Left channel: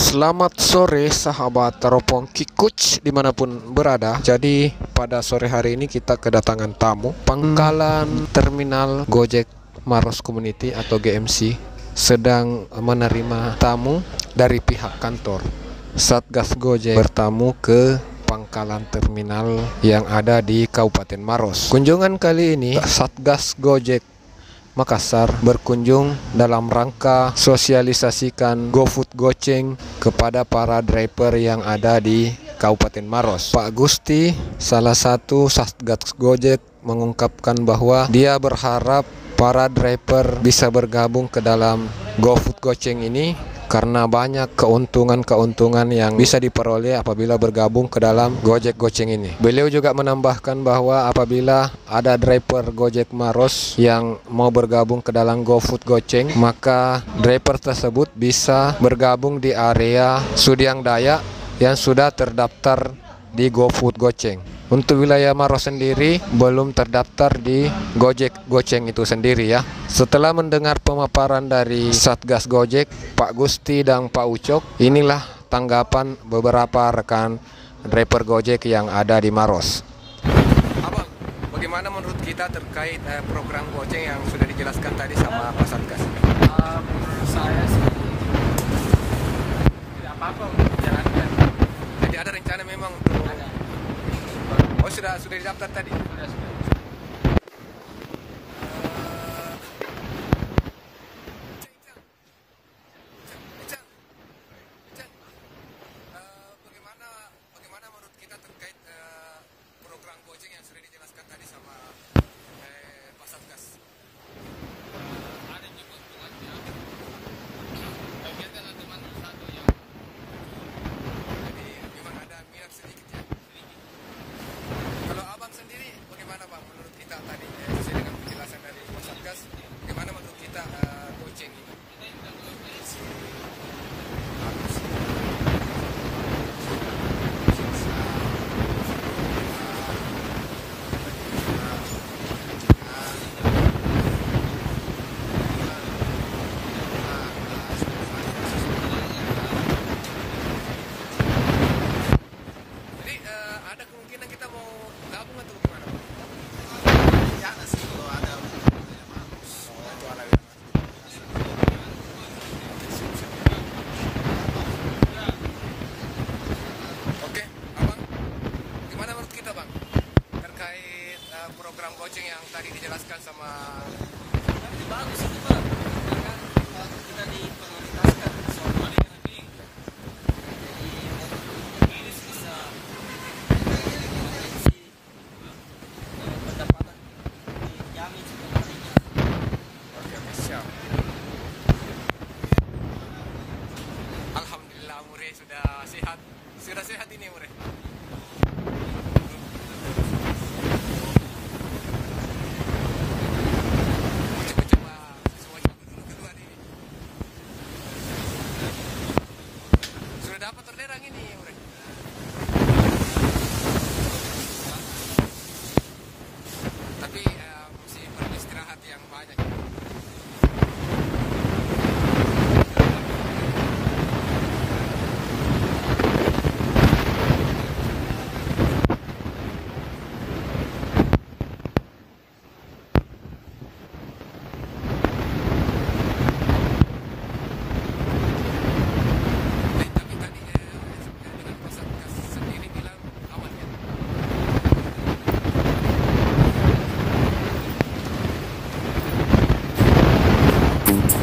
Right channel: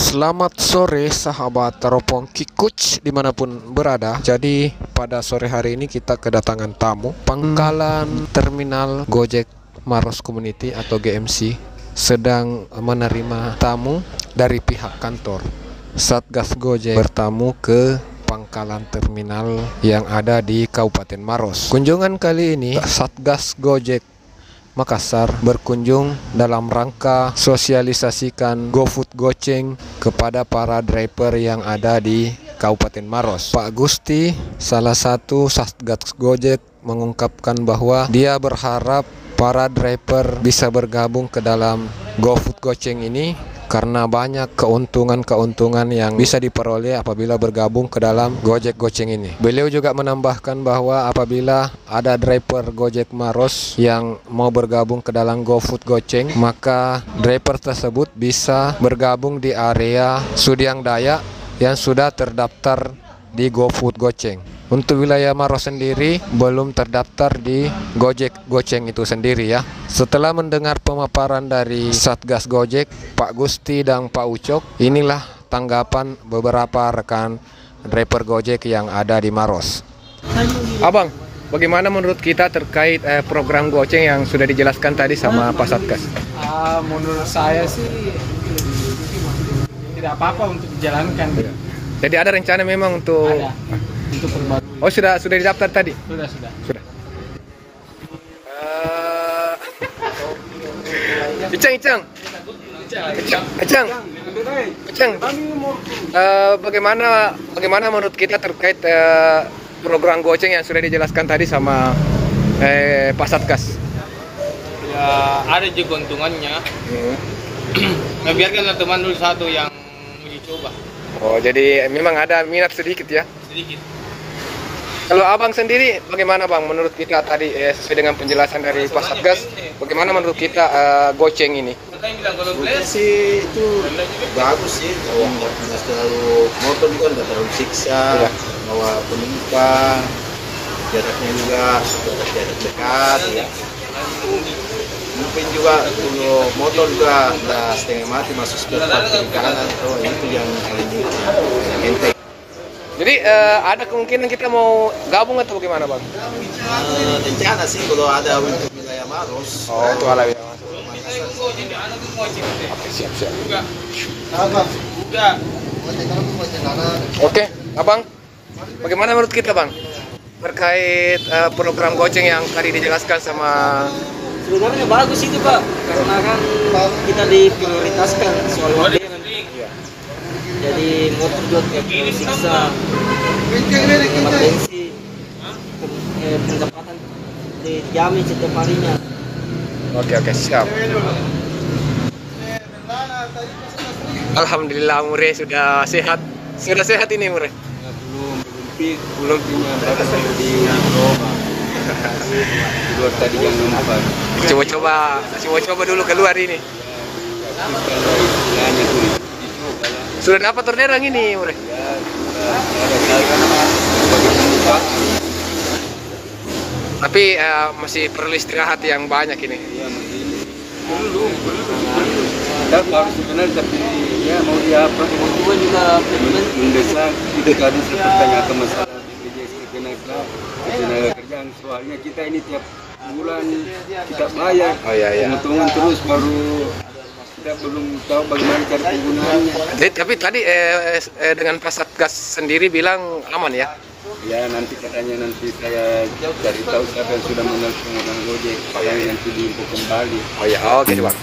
Selamat sore sahabat teropong Kikuch dimanapun berada. Jadi pada sore hari ini kita kedatangan tamu. Pangkalan Terminal Gojek Maros Community atau GMC sedang menerima tamu dari pihak kantor. Satgas Gojek bertamu ke pangkalan terminal yang ada di Kabupaten Maros. Kunjungan kali ini Satgas Gojek Makassar berkunjung dalam rangka sosialisasikan GoFood Goceng kepada para driver yang ada di Kabupaten Maros. Pak Gusti, salah satu Satgas Gojek, mengungkapkan bahwa dia berharap para driver bisa bergabung ke dalam GoFood Goceng ini karena banyak keuntungan-keuntungan yang bisa diperoleh apabila bergabung ke dalam Gojek Goceng ini. Beliau juga menambahkan bahwa apabila ada driver Gojek Maros yang mau bergabung ke dalam GoFood Goceng, maka driver tersebut bisa bergabung di area Sudiang Dayak yang sudah terdaftar di GoFood Goceng. Untuk wilayah Maros sendiri belum terdaftar di Gojek Goceng itu sendiri ya. Setelah mendengar pemaparan dari Satgas Gojek, Pak Gusti dan Pak Ucok, inilah tanggapan beberapa rekan driver Gojek yang ada di Maros. Abang, bagaimana menurut kita terkait program Goceng yang sudah dijelaskan tadi sama Pak Satgas? Menurut saya sih tidak apa-apa untuk dijalankan. Jadi ada rencana memang untuk Oh, sudah didaftar tadi? Sudah. Icang. Bagaimana menurut kita terkait program Goceng yang sudah dijelaskan tadi sama Pak Satgas? Ya, ada juga keuntungannya. Nah, biarkanlah teman dulu satu yang uji coba. Oh, jadi memang ada minat sedikit ya? Sedikit. Kalau abang sendiri, bagaimana bang? Menurut kita tadi sesuai dengan penjelasan dari Pak Satgas, bagaimana menurut kita Goceng ini? Menurut sih itu bagus sih. Terlalu motor juga nggak terlalu siksa, bawa penumpang, jaraknya juga jarak dekat. Ya. Mungkin juga kalau motor juga nggak setengah mati masuk sebentar kanan atau itu yang enteng. Jadi ada kemungkinan kita mau gabung atau bagaimana bang? Rencana sih kalau ada untuk wilayah Maros. Oh, itu ala ya. Siap. Oke, abang, bagaimana menurut kita bang terkait program Goceng yang tadi dijelaskan sama? Sebenarnya bagus itu Pak, karena kan kita diprioritaskan soal waktu. Jadi motor juga tidak siksa, potensi pendapatan dijamin setiap harinya. Oke, siap. Alhamdulillah Mure sudah sehat. Sudah sehat ini Mure? Belum punya di keluar tadi yang nampak. Coba dulu keluar ini. Sudah dapat orderan ini Mure? Tapi masih perlu istirahat yang banyak ini. Ada harus sebenarnya tapi ya mau diapa Gue juga mendesak tidak ada pertanyaan masalah tenaga kerjaan soalnya kita ini tiap bulan kita bayar. Oh iya. Hitungan terus baru kita belum tahu bagaimana penggunaannya. Tapi tadi dengan Pak Satgas sendiri bilang aman ya? Ya nanti katanya saya dari tahu siapa yang sudah mengenal penggunaan Gojek yang nanti di Bukung Bali. Oh ya, oke Bang.